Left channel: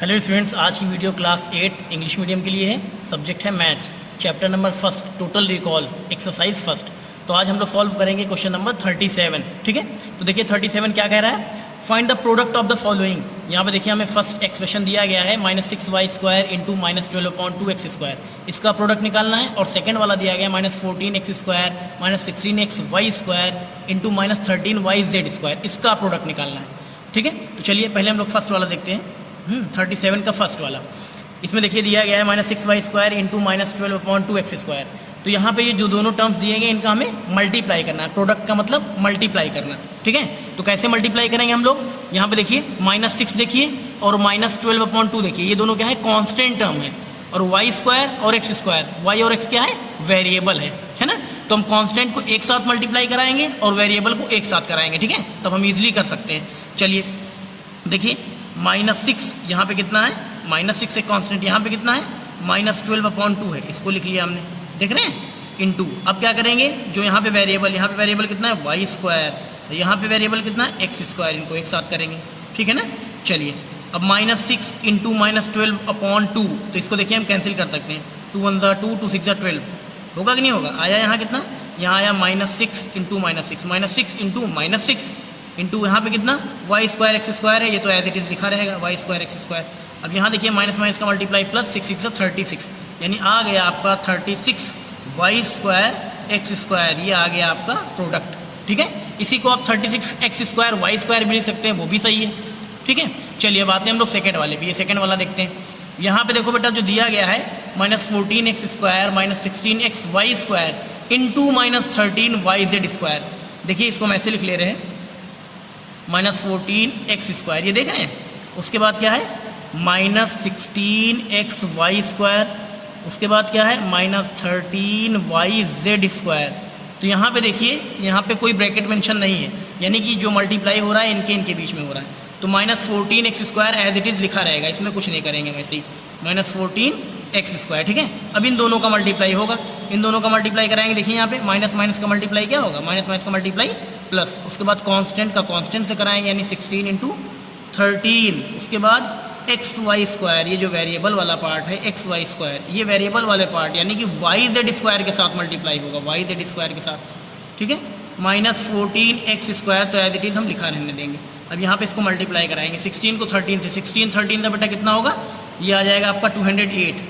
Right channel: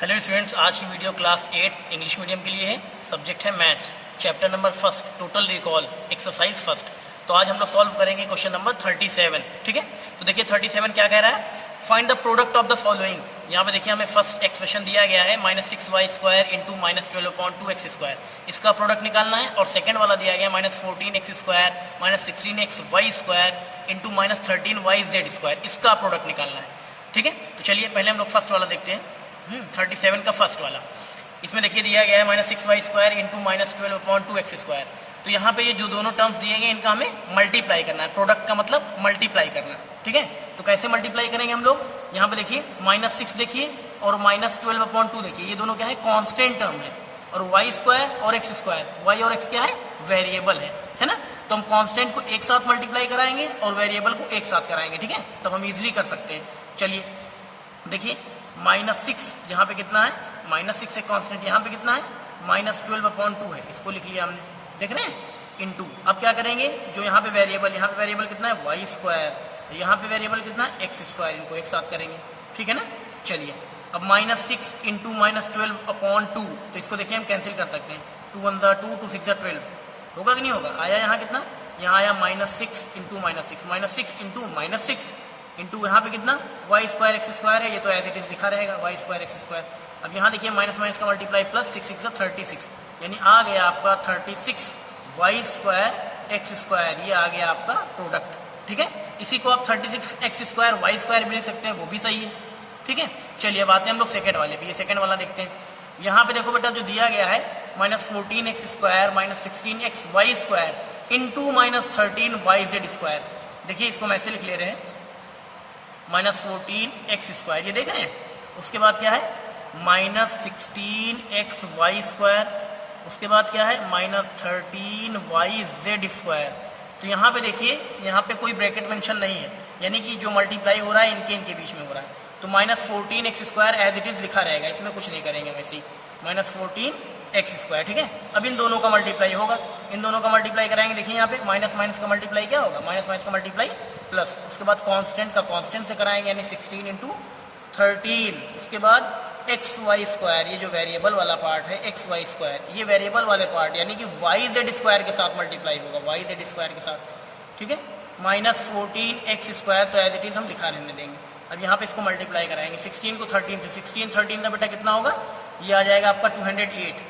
Hello students, आज की video class 8 English medium के लिए है। सब्जेक्ट है maths, chapter number first, total recall, exercise first. तो आज हम लोग सॉल्व करेंगे क्वेश्चन नंबर 37। ठीक है, तो देखिए 37 क्या कह रहा है, find the product of the following. यहाँ पे देखिए हमें फर्स्ट एक्सप्रेशन दिया गया है -6y² इंटू -12/2x²। इसका प्रोडक्ट निकालना है। और सेकंड वाला दिया गया -14x² -16xy² इंटू -13yz²। इसका प्रोडक्ट निकालना है। ठीक है, तो चलिए पहले हम लोग फर्स्ट वाला देखते हैं। 37 का फर्स्ट वाला, इसमें देखिए दिया गया है -6y² इंटू -12/2x²। तो यहाँ पे ये जो दोनों टर्म्स दिए गए इनका हमें मल्टीप्लाई करना है। प्रोडक्ट का मतलब मल्टीप्लाई करना। ठीक है, तो कैसे मल्टीप्लाई करेंगे हम लोग, यहाँ पे देखिए -6 देखिए और -12/2 देखिए, ये दोनों क्या है, कांस्टेंट टर्म है। और y² और x², y और x क्या है, वेरिएबल है ना। तो हम कांस्टेंट को एक साथ मल्टीप्लाई कराएंगे और वेरिएबल को एक साथ कराएंगे। ठीक है, तब हम इजिली कर सकते हैं। चलिए देखिए -6 यहाँ पे कितना है, -6 से कांस्टेंट यहाँ पे कितना है, -12/2 है। इसको लिख लिया हमने, देख रहे हैं, इनटू। अब क्या करेंगे, जो यहाँ पे वेरिएबल कितना है, y², यहाँ पे वेरिएबल कितना है, x²। इनको एक साथ करेंगे। ठीक है ना। चलिए अब -6 इंटू -12/2, तो इसको देखिए हम कैंसिल कर सकते हैं। 2 1 2, 2 6 12, होगा कि नहीं होगा। आया यहाँ कितना, यहाँ आया -6 इंटू -6 इंटू -6 इंटू यहाँ पे कितना, y² x² है। ये तो एज इट इज लिखा रहेगा, y² x²। अब यहाँ देखिए माइनस माइनस का मल्टीप्लाई प्लस 6 6 36, यानी आ गया आपका 36 y² x²। ये आ गया आपका प्रोडक्ट। ठीक है, इसी को आप 36 x² y² भी लिख सकते हैं, वो भी सही है। ठीक है, चलिए अब आते हैं हम लोग सेकेंड वाले पे। ये सेकेंड वाला देखते हैं। यहाँ पे देखो बेटा, जो दिया गया है -14x² -16xy² इंटू -13yz²। देखिए इसको हम ऐसे लिख ले रहे हैं, -14x², ये देख रहे हैं। उसके बाद क्या है, -16xy²। उसके बाद क्या है, -13yz²। तो यहाँ पे देखिए, यहाँ पे कोई ब्रैकेट मेंशन नहीं है, यानी कि जो मल्टीप्लाई हो रहा है इनके बीच में हो रहा है। तो -14x² एज इट इज लिखा रहेगा, इसमें कुछ नहीं करेंगे वैसे ही, -14x²। ठीक है, अब इन दोनों का मल्टीप्लाई होगा, इन दोनों का मल्टीप्लाई कराएंगे। देखिए यहाँ पे माइनस माइनस का मल्टीप्लाई क्या होगा, माइनस का मल्टीप्लाई प्लस। उसके बाद कांस्टेंट का कांस्टेंट से कराएंगे, यानी 16 इंटू 13। उसके बाद xy², ये जो वेरिएबल वाला पार्ट है xy², ये वेरिएबल वाले पार्ट यानी कि yz² के साथ मल्टीप्लाई होगा, yz² के साथ। ठीक है, -14x², तो एज इट इज हम लिखा रहने देंगे। अब यहाँ पे इसको मल्टीप्लाई कराएंगे 16 को 13 से। 16 13 का बेटा कितना होगा, ये आ जाएगा आपका 208।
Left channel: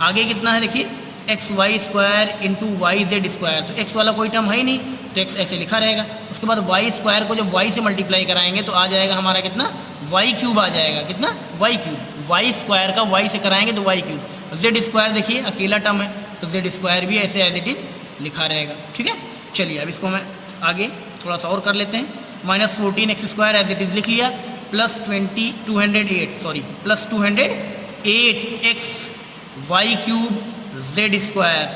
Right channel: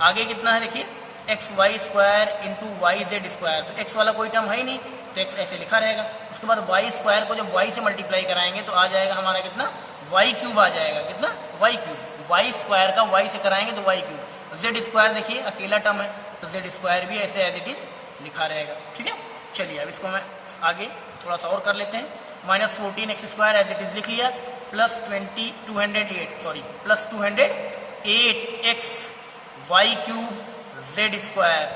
आगे कितना है देखिए, xy² इंटू yz²। तो x वाला कोई टर्म है ही नहीं, तो x ऐसे लिखा रहेगा। उसके बाद y² को जब y से मल्टीप्लाई कराएंगे तो आ जाएगा हमारा कितना, y³ आ जाएगा। कितना, y³ y² का y से कराएंगे तो y³। z² देखिए अकेला टर्म है, तो z² भी ऐसे एज इट इज लिखा रहेगा। ठीक है, चलिए अब इसको मैं आगे थोड़ा सा और कर लेते हैं। -14x² एज इट इज लिख लिया, प्लस 208 y³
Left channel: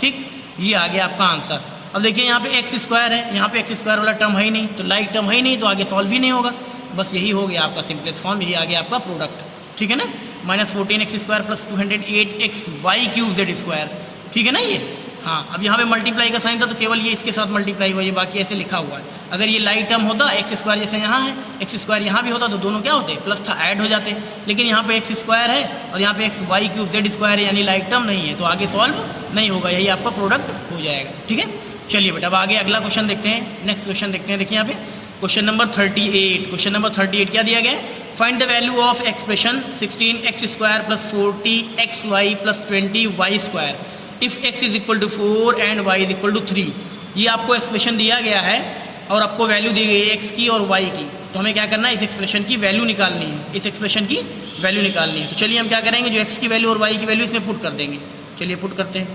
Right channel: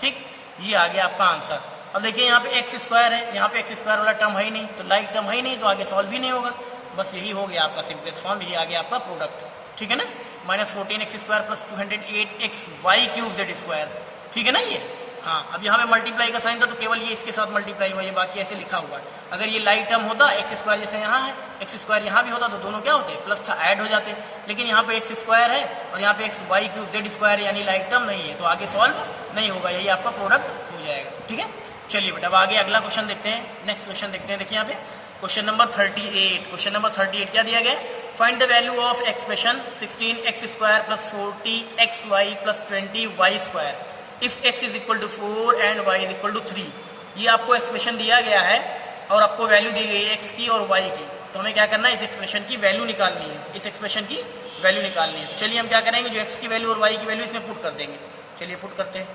ठीक, ये आ गया आपका आंसर। अब देखिए यहाँ पे x² है, यहाँ पे x² वाला टर्म है ही नहीं, तो लाइक टर्म है ही नहीं, तो आगे सॉल्व ही नहीं होगा। बस यही हो गया आपका सिंपलेस्ट फॉर्म, ये आ गया आपका प्रोडक्ट। ठीक है ना, -14x² प्लस 208xy³ ठीक है ना ये। हाँ, अब यहाँ पे मल्टीप्लाई का साइन था तो केवल ये इसके साथ मल्टीप्लाई हुआ, ये बाकी ऐसे लिखा हुआ है। अगर ये लाइट टर्म होता, x² जैसे यहाँ है, x² यहाँ भी होता, तो दोनों क्या होते, प्लस था, ऐड हो जाते। लेकिन यहाँ पे x² है और यहाँ पे xy³ z² यानी लाइट टर्म नहीं है, तो आगे सॉल्व नहीं होगा, यही आपका प्रोडक्ट हो जाएगा। ठीक है, चलिए बेटा अब आगे अगला क्वेश्चन देखते हैं। नेक्स्ट क्वेश्चन देखते हैं। देखिए यहाँ पे क्वेश्चन नंबर 38। क्वेश्चन नंबर 38 क्या दिया गया, find the value of expression 16x² plus 40xy plus 20y² if x is equal to 4 and y is equal to 3। ये आपको एक्सप्रेशन दिया गया है और आपको वैल्यू दी गई है x की और y की। तो हमें क्या करना है, इस एक्सप्रेशन की वैल्यू निकालनी है, इस एक्सप्रेशन की वैल्यू निकालनी है। तो चलिए हम क्या करेंगे, जो x की वैल्यू और y की वैल्यू इसमें पुट कर देंगे। चलिए पुट करते हैं।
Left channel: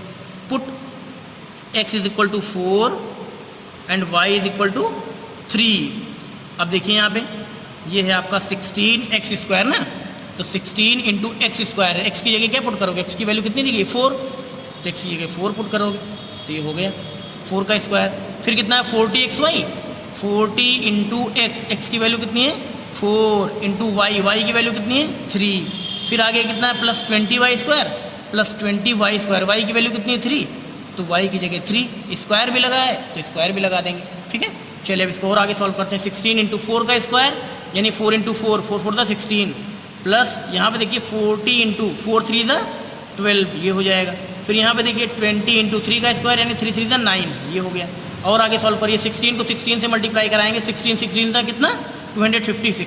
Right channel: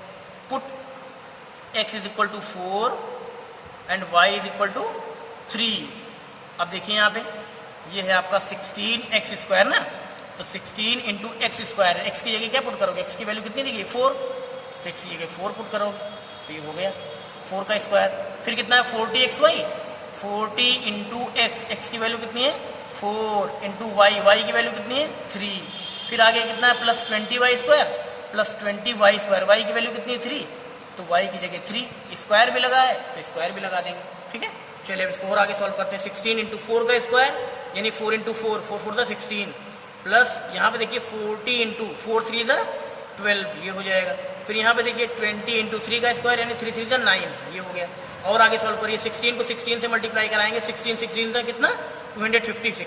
Put x is equal to 4 and y is equal to 3। अब देखिए यहाँ पे ये है आपका 16x² ना, तो 16 इंटू x² है। x की जगह क्या पुट करोगे, x की वैल्यू कितनी दी गई, 4, तो x की जगह 4 पुट करोगे, तो ये हो गया 4 का स्क्वायर। फिर कितना है, 40xy, 40 इंटू x की वैल्यू कितनी है, 4 इंटू y की वैल्यू कितनी है, 3। फिर आगे कितना है, plus 20y² plus 20y², y की वैल्यू कितनी है, 3, तो y की जगह 3, स्क्वायर भी लगा है तो स्क्वायर भी लगा देंगे। ठीक है, चलिए अब इसको और आगे सॉल्व करते हैं। 16 इंटू 4 का स्क्वायर यानी 4 इंटू 4, 4 4 16 प्लस यहाँ पे देखिए 40 इंटू 4 3 12, ये हो जाएगा। फिर यहाँ पे देखिए 20 इंटू 3 का स्क्वायर यानी 3 3 9, ये हो गया। और आगे सॉल्व करिए, 16 को 16 से मल्टीप्लाई कराएंगे, 16 16 था कितना 256।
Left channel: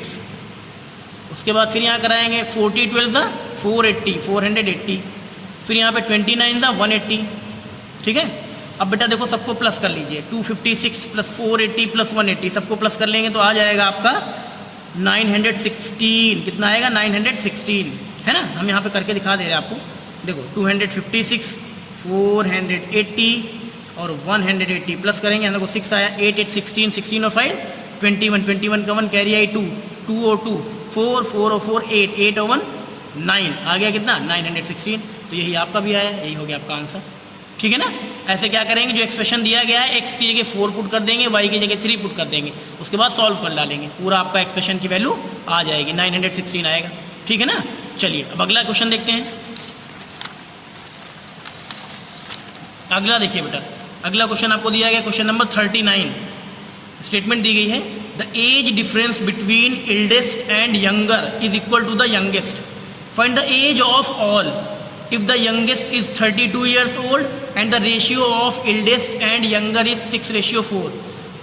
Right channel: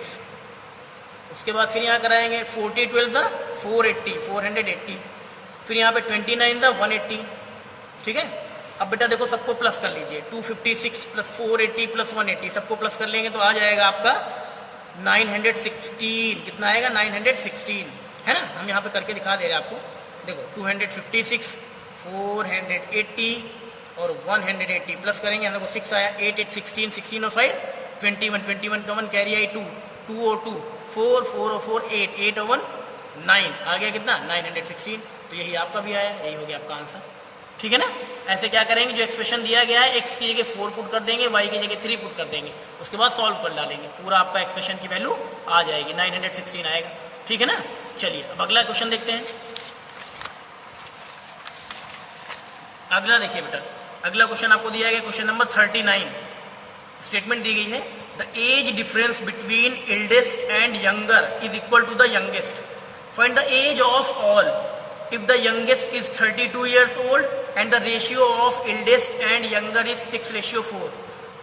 उसके बाद फिर यहाँ कराएंगे 40 12 था 480। फिर यहाँ पे 29 था 180, ठीक है। अब बेटा देखो सबको प्लस कर लीजिए, 256 प्लस 480 प्लस 180 सबको प्लस कर लेंगे तो आ जाएगा आपका 916। कितना आएगा 916, है ना। हम यहाँ पे करके दिखा दे रहे हैं आपको, देखो 256 480 और 180 प्लस करेंगे, यहाँ देखो 6 आया, 8 8 16 16 और 5 21 21 का 1 कैरी आई 2 2 और 2 4 4 और 4 8 8 और 1 9, आ गया कितना 916। तो यही आपका भी आया, यही हो गया आपका आंसर, ठीक है ना। ऐसे क्या करेंगे, जो एक्सप्रेशन दिया गया है x की जगह 4 पुट कर देंगे, y की जगह 3 पुट कर देंगे, उसके बाद सॉल्व कर डालेंगे, पूरा आपका एक्सप्रेशन की वैल्यू आ जाएगी, 916 आएगा, ठीक है ना। चलिए अब अगला क्वेश्चन देखते हैं। अगला देखिए बेटा, अगला क्वेश्चन आपको दिया गया क्वेश्चन नंबर 39। स्टेटमेंट दी गई है, the age difference between eldest and younger is equal to the youngest, find the age of all if the youngest is 32 years old and the ratio of eldest and younger is 6:4।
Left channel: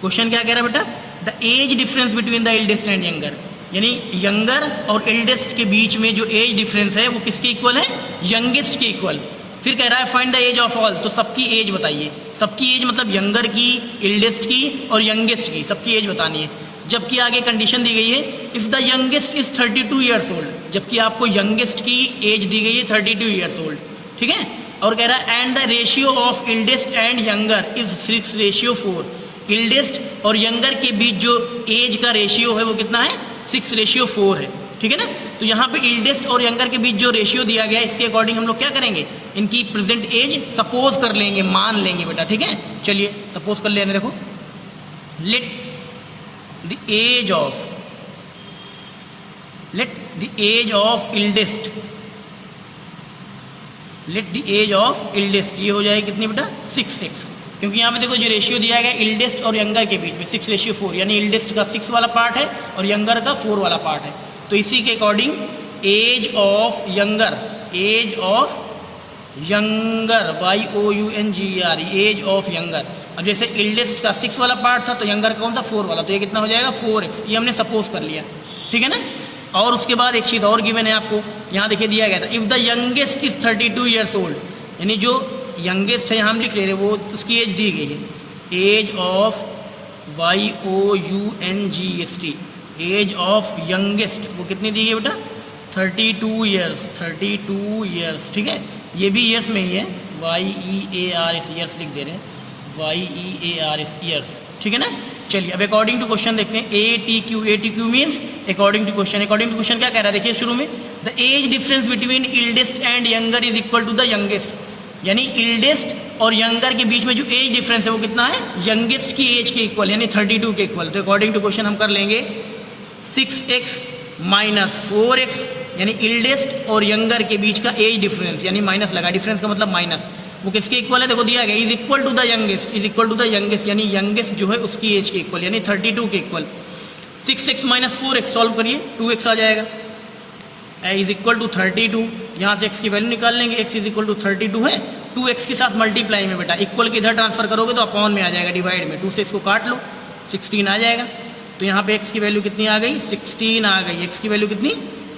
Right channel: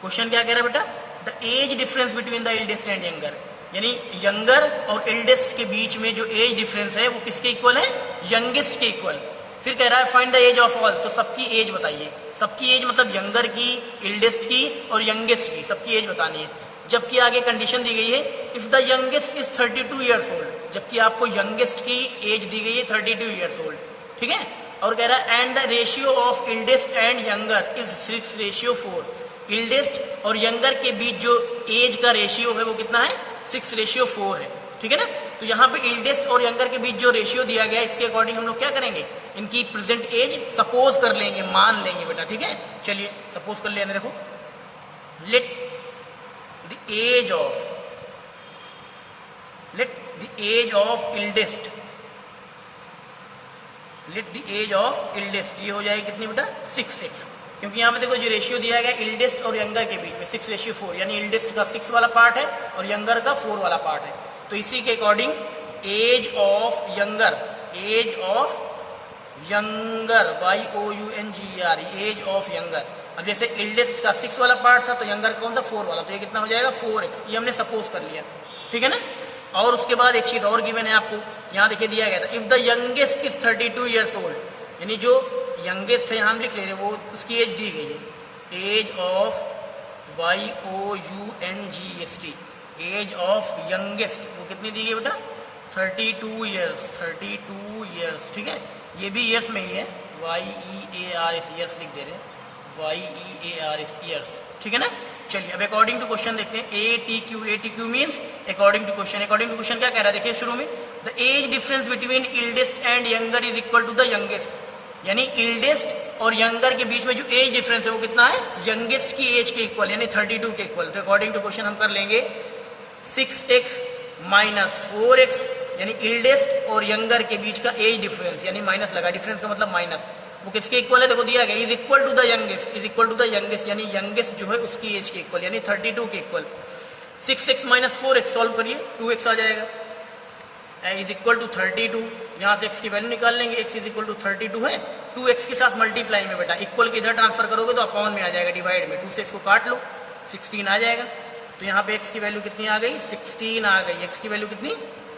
Question क्या कह रहा है बेटा, the age difference between the eldest and younger, यानी younger और eldest के बीच में जो एज डिफरेंस है वो किसके इक्वल है, यंगेस्ट के इक्वल। फिर कह रहा है find the age of all, तो सबकी एज बताइए, सबकी एज मतलब यंगर की, एल्डेस्ट की और यंगेस्ट की, सबकी एज बतानी है। जबकि आगे कंडीशन दी गई है, if the youngest is 32 years old, जबकि आपको यंगेस्ट की एज दी गई है 32 ईयर्स ओल्ड, ठीक है। और कह रहा है and the ratio of eldest and younger is 6:4, eldest और यंगर के बीच जो एज का रेशियो है वो कितना है 6:4 है, ठीक है ना। तो यहाँ पे एल्डेस्ट और यंगर के बीच जो रेशियो दिया गया है इसके अकॉर्डिंग हम लोग क्या करेंगे, इनकी प्रेजेंट एज सपोज कर लेंगे, मान लेंगे बेटा, ठीक है। चलिए सपोज कर लेने, देखो late the age of eldest, ये हो जाएगी कितनी बेटा 6x, क्योंकि यहाँ पे देखो जो रेशियो दिया गया एल्डेस्ट और यंगर के बीच में 6:4, यानी एल्डेस्ट का 6 वाला पार्ट है और यंगर का 4 वाला पार्ट है। तो इसी के according age of younger YOUNGER, age of younger. अब जैसे एल्डेस्ट का 6 वाला पार्ट था तो यंगर का कौन सा 4 वाला, तो ये कितना हो जाएगा 4x, ये हमने सपोज कर लिया, ठीक है ना। और उसके बाद एक चीज और गिवन है आपको, यहाँ देखिए दिया गया था, if the youngest is 32 years old, यानी जो यंगेस्ट है यहाँ हम लिख ले रहे हैं वो उसकी एज दी गई है, age of YOUNGEST, age of youngest वो कितनी दी गई बेटा 32 ईयर्स, ठीक है। ये भी ईयर्स में ही है, YEARS ईयर्स लिख दे रहे हैं, YEARS ईयर्स, ठीक है ना। चलिए अब अकॉर्डिंग टू क्वेश्चन देखते हैं, ATQ means according to question. According to question क्या कह रहा है, देखिए शुरू में, the age difference between eldest and younger is equal to the youngest, यानी एल्डेस्ट और यंगर के बीच में जो एज डिफरेंस है वो कितना है, यंगेस्ट की एज के इक्वल, यानी 32 के इक्वल। तो अकॉर्डिंग टू क्वेश्चन हम कर लेंगे 6x माइनस 4x, यानी एल्डेस्ट और यंगर के बीच का एज डिफरेंस, यानी माइनस लगा, डिफरेंस का मतलब माइनस, वो किसके इक्वल है, देखो दिया गया is equal to the youngest, यानी यंगेस्ट जो है उसकी एज के इक्वल, यानी 32 के equal. 6x minus 4x solve करिए, 2x आ जाएगा, इज इक्वल टू 32, यहाँ से x की वैल्यू निकाल लेंगे, x इज इक्वल टू 32 है, 2x के साथ मल्टीप्लाई में बेटा, इक्वल के इधर ट्रांसफर करोगे तो अपॉन में आ जाएगा, डिवाइड में 2 से इसको काट लो, 16 आ जाएगा। तो यहाँ पे x की वैल्यू कितनी आ गई, 16 आ गई, x की वैल्यू कितनी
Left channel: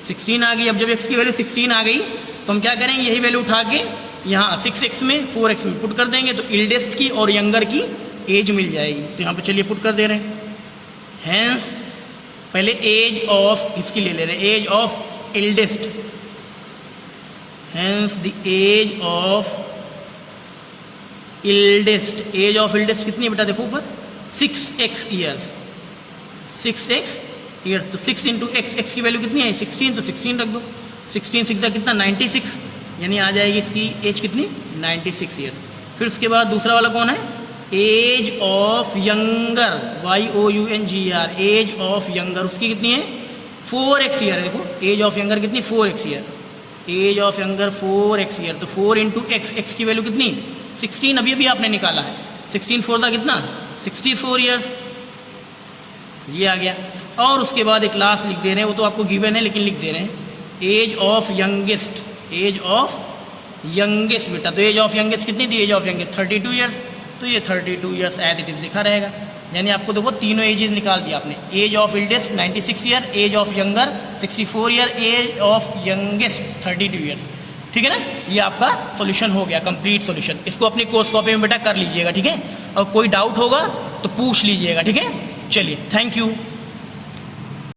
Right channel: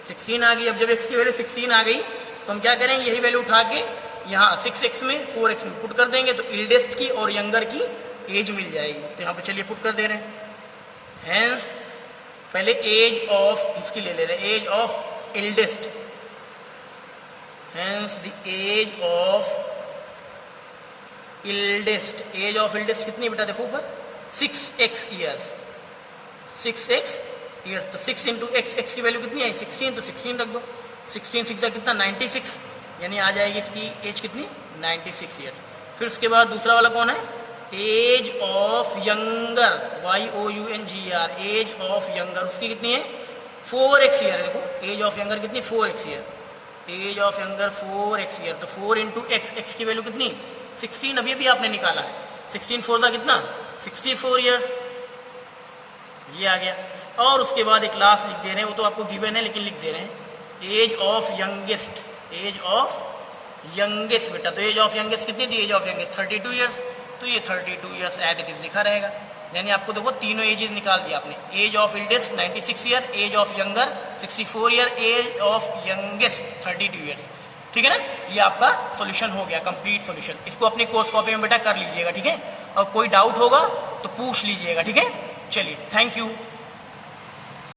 16 आ गई। अब जब x की वैल्यू 16 आ गई तो हम क्या करेंगे, यही वैल्यू उठा के यहाँ 6x में 4x में पुट कर देंगे, तो एल्डेस्ट की और यंगर की एज मिल जाएगी। तो यहाँ पे चलिए पुट कर दे रहे हैं, हेंस पहले एज ऑफ इसकी ले रहे हैं, age of eldest, hence the age of eldest, age of eldest कितनी है बेटा, देखो ऊपर 6x ईयर्स, 6x ईयर्स, तो 6 इंटू x की वैल्यू कितनी है 16, तो 16 रख दो, 16 6 कितना 96, यानी आ जाएगी इसकी एज कितनी 96 ईयर्स। फिर उसके बाद दूसरा वाला कौन है, age of younger, YOUNGER, age of younger, उसकी कितनी है 4x ईयर, देखो एज ऑफ यंगर कितनी 4x year, age of younger 4x year, तो 4 इंटू x की वैल्यू कितनी 16, अभी भी आपने निकाला है, 16 4 था कितना 64 ईयर्स, ये आ गया। और उसके बाद एक क्लास लिख दे रहे हैं, वो तो आपको गिवन है लेकिन लिख दे रहे हैं age of youngest, age of youngest बेटा। तो एज ऑफ यंगेस्ट कितनी थी? एज ऑफ यंगेस्ट 32 ईयर्स, तो ये 32 ईयर्स एज इट इज लिखा रहेगा। यानी आपको देखो तीनों एजेस निकाल दिया आपने, age of eldest 96 year, age of younger 64 year, age of youngest 32 years. ठीक है ना, ये आपका सॉल्यूशन हो गया, कंप्लीट सॉल्यूशन। इसको अपनी कोर्स कॉपी में बेटा कर लीजिएगा, ठीक है। और कोई डाउट होगा तो पूछ लीजिएगा, ठीक है। चलिए, थैंक यू।